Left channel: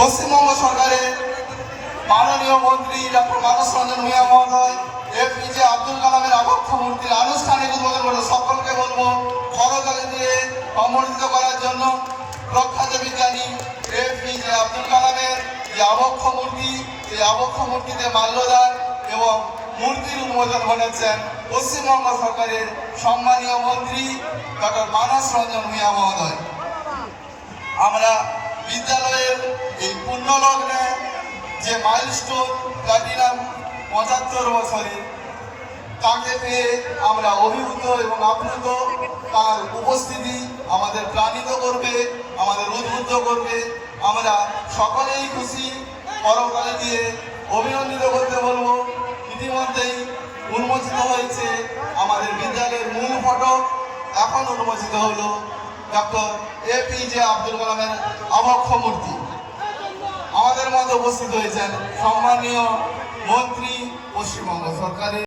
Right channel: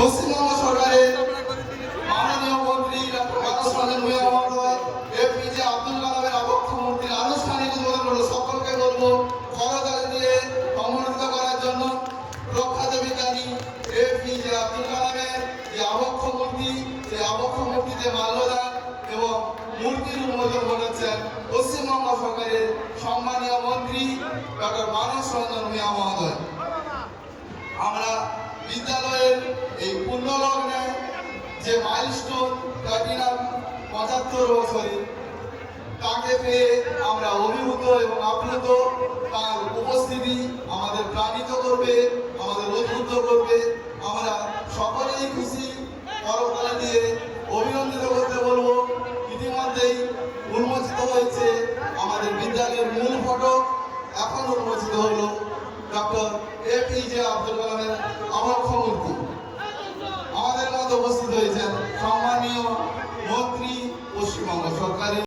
পশ্চিমবঙ্গ সরকারের মাননীয় মন্ত্রী ডক্টর মানস রঞ্জন ভূঁইয়া মহোদয় এপিজে আব্দুল কালামের আবক্ষ মূর্তির আনুষ্ঠানিক উদ্বোধন করে সকলকে বলবো করতালি দিয়ে সম্মানিত করার জন্য। প্রখ্যাত বিজ্ঞানী এপিজে আব্দুল কালামের যে আবক্ষ মূর্তি, এই আবক্ষ মূর্তিতে মাল্যদান এবং মূর্তির উন্মোচন ঘটাচ্ছেন পশ্চিমবঙ্গ সরকারের সম্মানীয় মন্ত্রী ডক্টর মানস রঞ্জন ভূঁইয়া মহোদয়। আমরা বিদ্যালয়ের এই পুণ্যলগ্নে যে মাইলস্টোন প্ল্যাটিনাম ৭৫ বছরে তাকে পেয়ে আমরা অভিভূত এবং আপ্লুত। তার উপস্থিতি আমাদের প্রাণিত করবে, আমাদের উদ্বুদ্ধ করবে। আমরা সকলেই খুশি, করতালি দিয়ে অভিনন্দিত করতে বলবো। ইতিমধ্যেই উন্মোচিত হয়েছে আমাদের বিদ্যালয়ের মূল ফটক, এখন উন্মোচিত হলো ডক্টর এপিজে আব্দুল কালামের আবক্ষ মূর্তি। আমাদের মধ্যে উপস্থিত হয়েছেন সম্মানীয় মন্ত্রী পশ্চিমবঙ্গ সরকারের।